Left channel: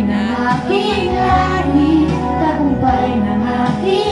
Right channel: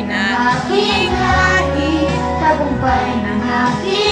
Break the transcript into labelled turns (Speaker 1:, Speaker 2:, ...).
Speaker 1: ng aking lahi Tagumpay ng aking